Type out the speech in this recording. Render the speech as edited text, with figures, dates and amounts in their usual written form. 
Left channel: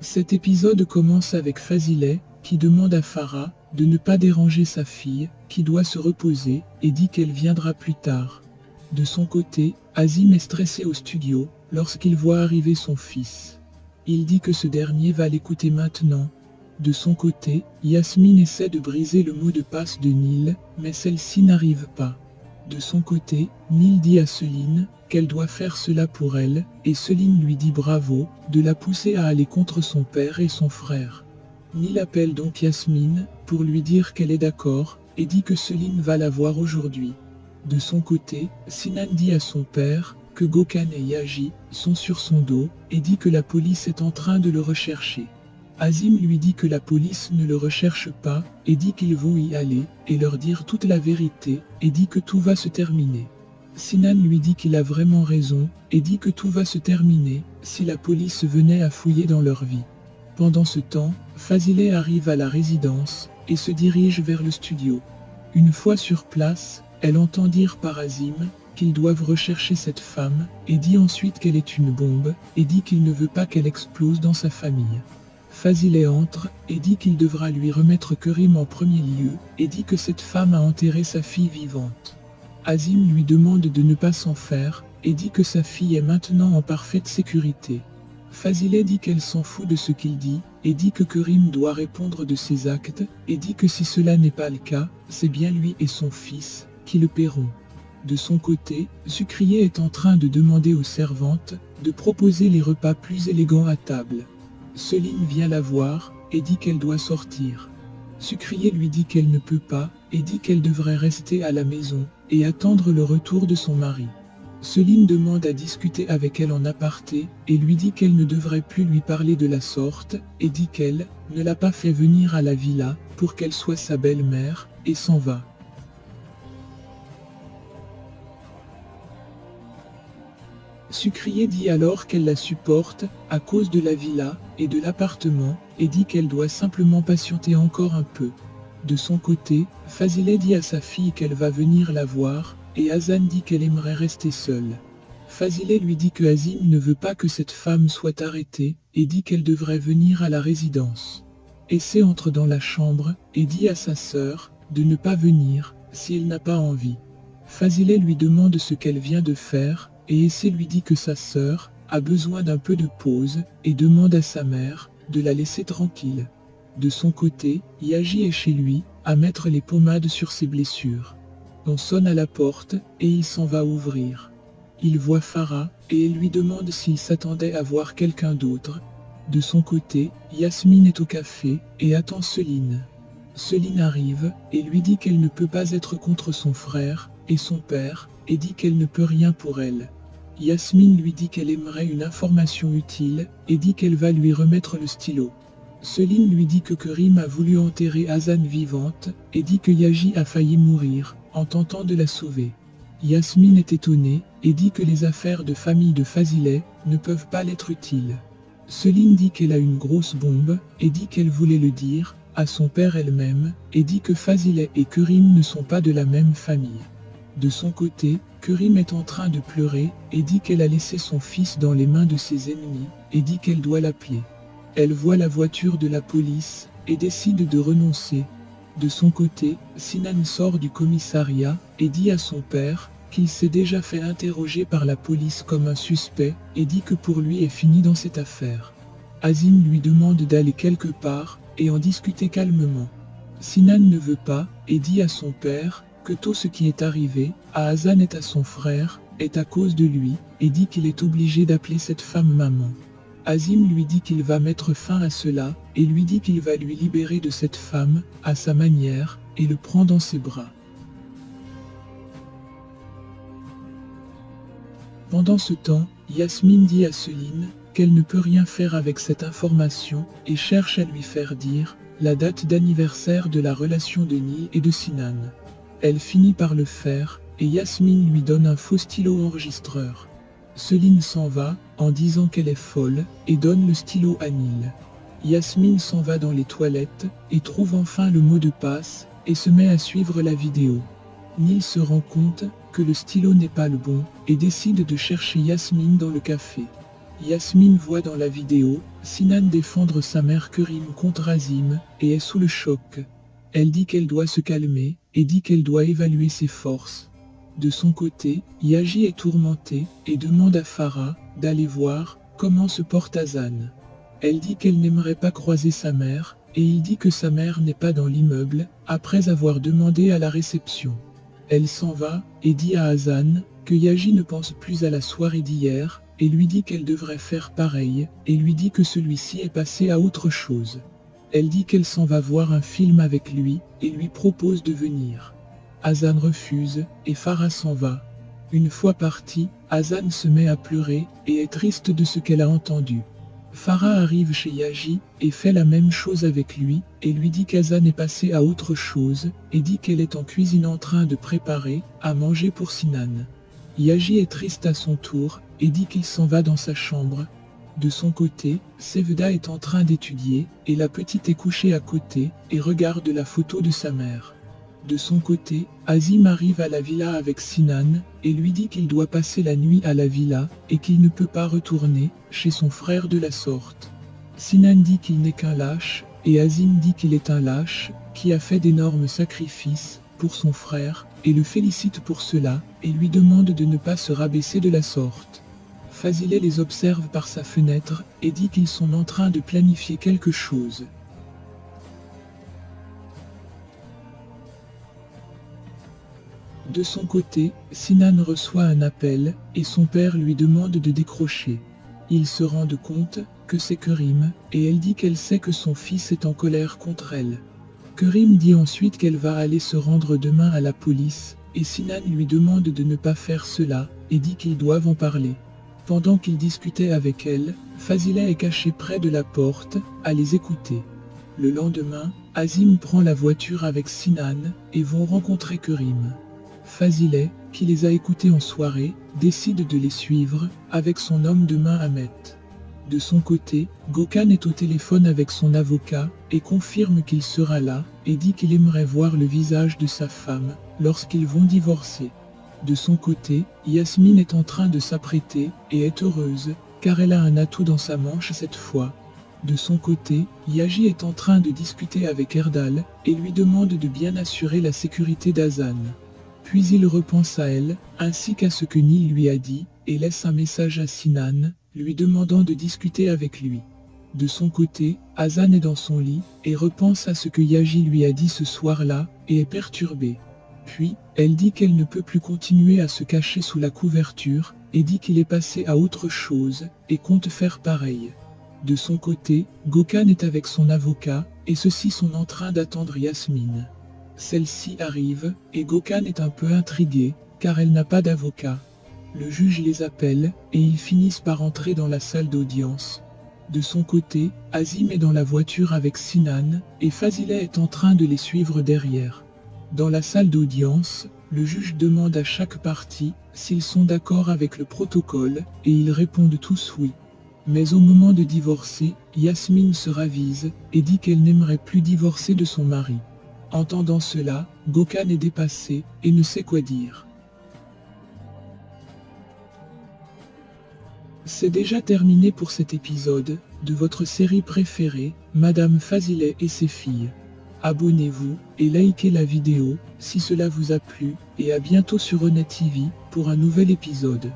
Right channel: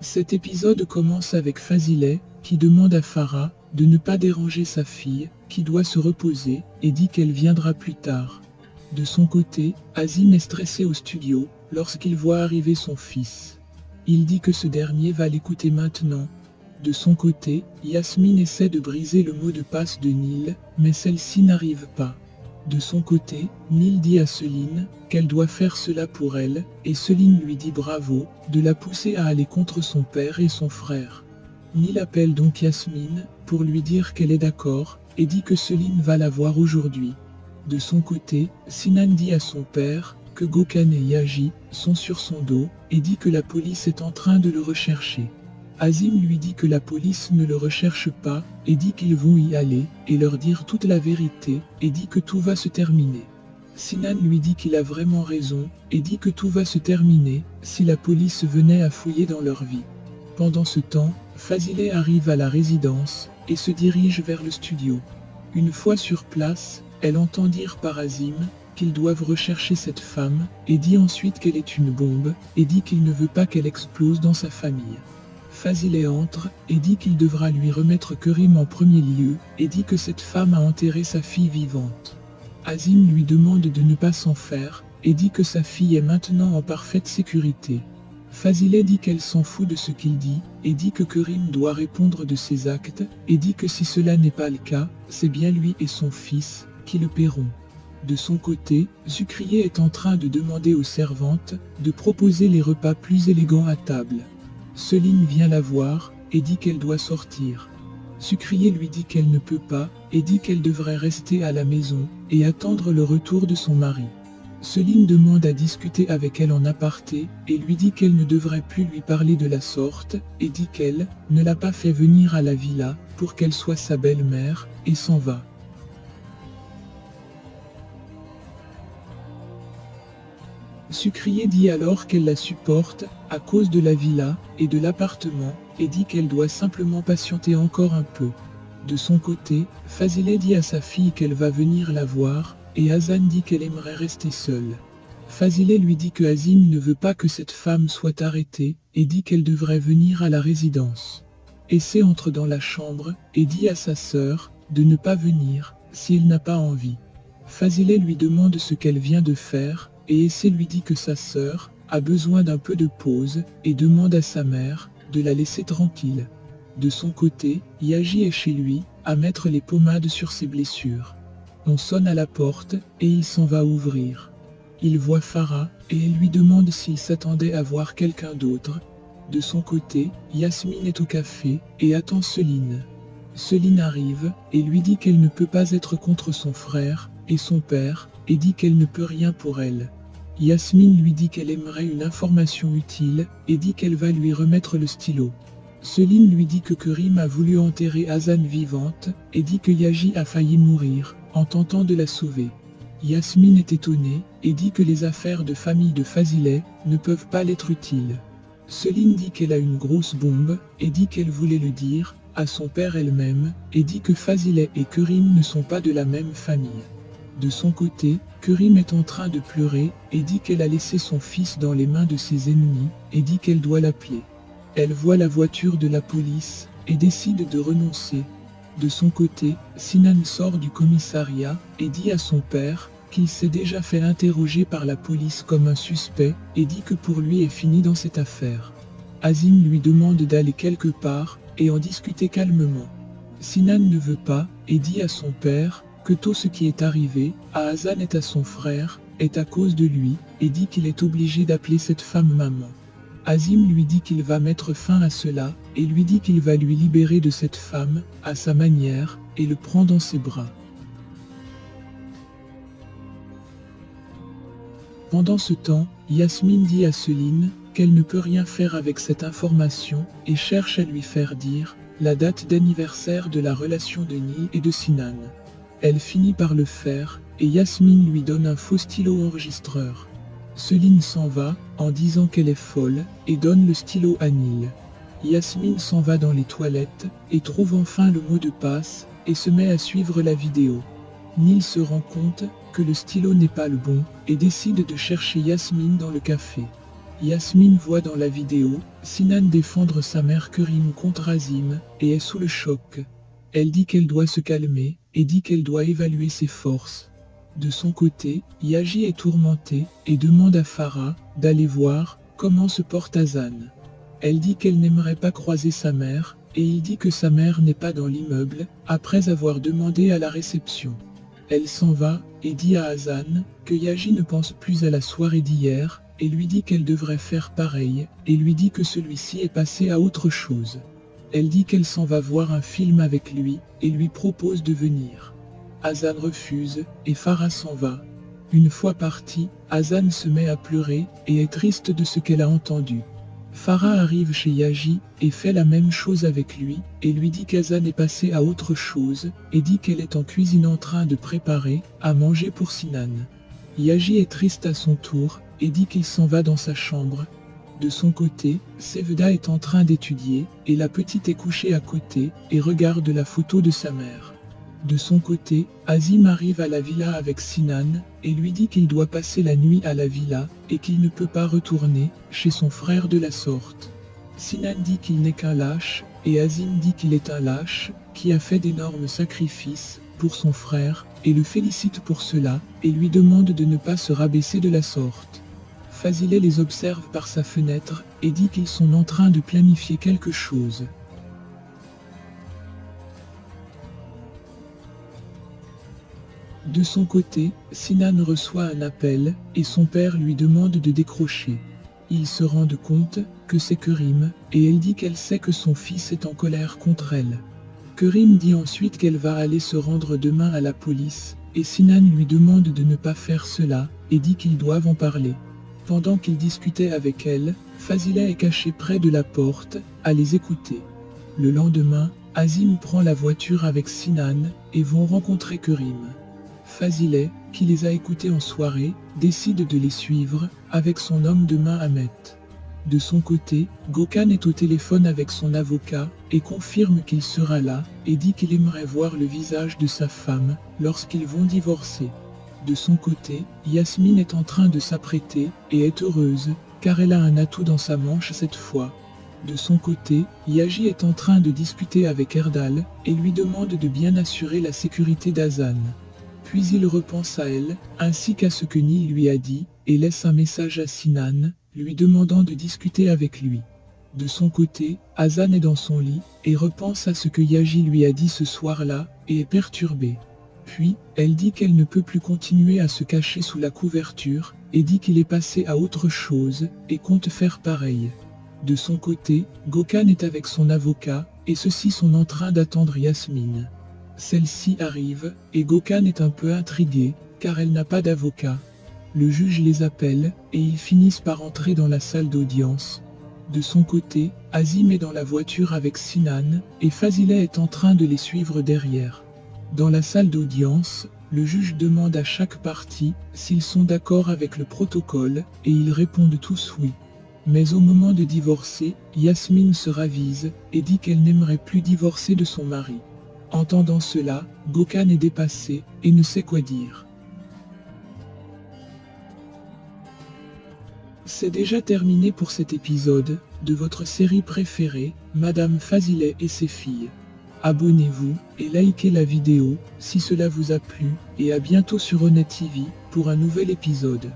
Cet épisode commence avec Fazileh, qui demande à Farah de ne pas déranger sa fille, qui doit se reposer, et dit qu'elle viendra plus tard. De son côté, Azim est stressé au studio, lorsqu'il voit arriver son fils. Il dit que ce dernier va l'écouter maintenant. De son côté, Yasmine essaie de briser le mot de passe de Nil, mais celle-ci n'arrive pas. De son côté, Nil dit à Céline qu'elle doit faire cela pour elle, et Céline lui dit bravo, de la pousser à aller contre son père et son frère. Nil appelle donc Yasmine pour lui dire qu'elle est d'accord, et dit que Céline va la voir aujourd'hui. De son côté, Sinan dit à son père que Gökhan et Yaji sont sur son dos, et dit que la police est en train de le rechercher. Azim lui dit que la police ne le recherche pas, et dit qu'ils vont y aller, et leur dire toute la vérité, et dit que tout va se terminer. Sinan lui dit qu'il a vraiment raison, et dit que tout va se terminer, si la police venait à fouiller dans leur vie. Pendant ce temps, Fazileh arrive à la résidence, et se dirige vers le studio. Une fois sur place, elle entend dire par Azim qu'ils doivent rechercher cette femme, et dit ensuite qu'elle est une bombe, et dit qu'il ne veut pas qu'elle explose dans sa famille. Fazileh entre et dit qu'il devra lui remettre Kerim en premier lieu, et dit que cette femme a enterré sa fille vivante. Azim lui demande de ne pas s'en faire, et dit que sa fille est maintenant en parfaite sécurité. Fazileh dit qu'elle s'en fout de ce qu'il dit, et dit que Kerim doit répondre de ses actes, et dit que si cela n'est pas le cas, c'est bien lui et son fils qui le paieront. De son côté, Zukriye est en train de demander aux servantes de proposer les repas plus élégants à table. Céline vient la voir et dit qu'elle doit sortir. Zukriye lui dit qu'elle ne peut pas et dit qu'elle devrait rester à la maison et attendre le retour de son mari. Céline demande à discuter avec elle en aparté et lui dit qu'elle ne devrait plus lui parler de la sorte et dit qu'elle ne l'a pas fait venir à la villa pour qu'elle soit sa belle-mère et s'en va. Zukriye dit alors qu'elle la supporte à cause de la villa et de l'appartement et dit qu'elle doit simplement patienter encore un peu. De son côté, Fazileh dit à sa fille qu'elle va venir la voir et Hazan dit qu'elle aimerait rester seule. Fazileh lui dit que Azim ne veut pas que cette femme soit arrêtée et dit qu'elle devrait venir à la résidence. Essay entre dans la chambre et dit à sa sœur de ne pas venir si elle n'a pas envie. Fazileh lui demande ce qu'elle vient de faire et Essay lui dit que sa sœur a besoin d'un peu de pause et demande à sa mère de la laisser tranquille. De son côté, Yaji est chez lui à mettre les pommades sur ses blessures. On sonne à la porte et il s'en va ouvrir. Il voit Farah et elle lui demande s'il s'attendait à voir quelqu'un d'autre. De son côté, Yasmine est au café et attend Céline. Céline arrive et lui dit qu'elle ne peut pas être contre son frère et son père et dit qu'elle ne peut rien pour elle. Yasmine lui dit qu'elle aimerait une information utile et dit qu'elle va lui remettre le stylo. Céline lui dit que Kerim a voulu enterrer Hazan vivante et dit que Yaji a failli mourir en tentant de la sauver. Yasmine est étonnée et dit que les affaires de famille de Fazileh ne peuvent pas l'être utiles. Céline dit qu'elle a une grosse bombe et dit qu'elle voulait le dire à son père elle-même et dit que Fazileh et Kerim ne sont pas de la même famille. De son côté, Kerim est en train de pleurer et dit qu'elle a laissé son fils dans les mains de ses ennemis et dit qu'elle doit l'appeler. Elle voit la voiture de la police et décide de renoncer. De son côté, Sinan sort du commissariat et dit à son père qu'il s'est déjà fait interroger par la police comme un suspect et dit que pour lui est fini dans cette affaire. Azim lui demande d'aller quelque part et en discuter calmement. Sinan ne veut pas et dit à son père que tout ce qui est arrivé à Hazan et à son frère est à cause de lui et dit qu'il est obligé d'appeler cette femme maman. Azim lui dit qu'il va mettre fin à cela et lui dit qu'il va lui libérer de cette femme à sa manière et le prend dans ses bras. Pendant ce temps, Yasmine dit à Céline qu'elle ne peut rien faire avec cette information et cherche à lui faire dire la date d'anniversaire de la relation de Nil et de Sinan. Elle finit par le faire et Yasmine lui donne un faux stylo enregistreur. Céline s'en va en disant qu'elle est folle et donne le stylo à Nil. Yasmine s'en va dans les toilettes et trouve enfin le mot de passe et se met à suivre la vidéo. Nil se rend compte que le stylo n'est pas le bon et décide de chercher Yasmine dans le café. Yasmine voit dans la vidéo Sinan défendre sa mère Kerim contre Azim et est sous le choc. Elle dit qu'elle doit se calmer et dit qu'elle doit évaluer ses forces. De son côté, Yaji est tourmentée et demande à Farah d'aller voir comment se porte Hazan. Elle dit qu'elle n'aimerait pas croiser sa mère et il dit que sa mère n'est pas dans l'immeuble après avoir demandé à la réception. Elle s'en va et dit à Hazan que Yaji ne pense plus à la soirée d'hier et lui dit qu'elle devrait faire pareil et lui dit que celui-ci est passé à autre chose. Elle dit qu'elle s'en va voir un film avec lui et lui propose de venir. Hazan refuse et Farah s'en va. Une fois partie, Hazan se met à pleurer et est triste de ce qu'elle a entendu. Farah arrive chez Yaji et fait la même chose avec lui et lui dit qu'Hazan est passé à autre chose et dit qu'elle est en cuisine en train de préparer à manger pour Sinan. Yaji est triste à son tour et dit qu'il s'en va dans sa chambre. De son côté, Sevda est en train d'étudier et la petite est couchée à côté et regarde la photo de sa mère. De son côté, Azim arrive à la villa avec Sinan et lui dit qu'il doit passer la nuit à la villa et qu'il ne peut pas retourner chez son frère de la sorte. Sinan dit qu'il n'est qu'un lâche et Azim dit qu'il est un lâche qui a fait d'énormes sacrifices pour son frère et le félicite pour cela et lui demande de ne pas se rabaisser de la sorte. Fazileh les observe par sa fenêtre et dit qu'ils sont en train de planifier quelque chose. De son côté, Sinan reçoit un appel et son père lui demande de décrocher. Ils se rendent compte que c'est Kerim et elle dit qu'elle sait que son fils est en colère contre elle. Kerim dit ensuite qu'elle va aller se rendre demain à la police et Sinan lui demande de ne pas faire cela et dit qu'ils doivent en parler. Pendant qu'il discutait avec elle, Fazileh est caché près de la porte à les écouter. Le lendemain, Azim prend la voiture avec Sinan et vont rencontrer Kerim. Fazileh, qui les a écoutés en soirée, décide de les suivre avec son homme de main Ahmet. De son côté, Gökhan est au téléphone avec son avocat et confirme qu'il sera là et dit qu'il aimerait voir le visage de sa femme lorsqu'ils vont divorcer. De son côté, Yasmine est en train de s'apprêter et est heureuse car elle a un atout dans sa manche cette fois. De son côté, Yaji est en train de discuter avec Erdal et lui demande de bien assurer la sécurité d'Hazan. Puis il repense à elle, ainsi qu'à ce que Ni lui a dit, et laisse un message à Sinan, lui demandant de discuter avec lui. De son côté, Hazan est dans son lit, et repense à ce que Yaji lui a dit ce soir-là, et est perturbée. Puis, elle dit qu'elle ne peut plus continuer à se cacher sous la couverture, et dit qu'il est passé à autre chose, et compte faire pareil. De son côté, Gökhan est avec son avocat, et ceux-ci sont en train d'attendre Yasmine. Celle-ci arrive, et Gökhan est un peu intrigué, car elle n'a pas d'avocat. Le juge les appelle, et ils finissent par entrer dans la salle d'audience. De son côté, Azim est dans la voiture avec Sinan, et Fazileh est en train de les suivre derrière. Dans la salle d'audience, le juge demande à chaque partie s'ils sont d'accord avec le protocole, et ils répondent tous oui. Mais au moment de divorcer, Yasmine se ravise, et dit qu'elle n'aimerait plus divorcer de son mari. Entendant cela, Gökhan est dépassé et ne sait quoi dire. C'est déjà terminé pour cet épisode de votre série préférée, Madame Fazileh et ses filles. Abonnez-vous et likez la vidéo si cela vous a plu et à bientôt sur Honnête TV pour un nouvel épisode.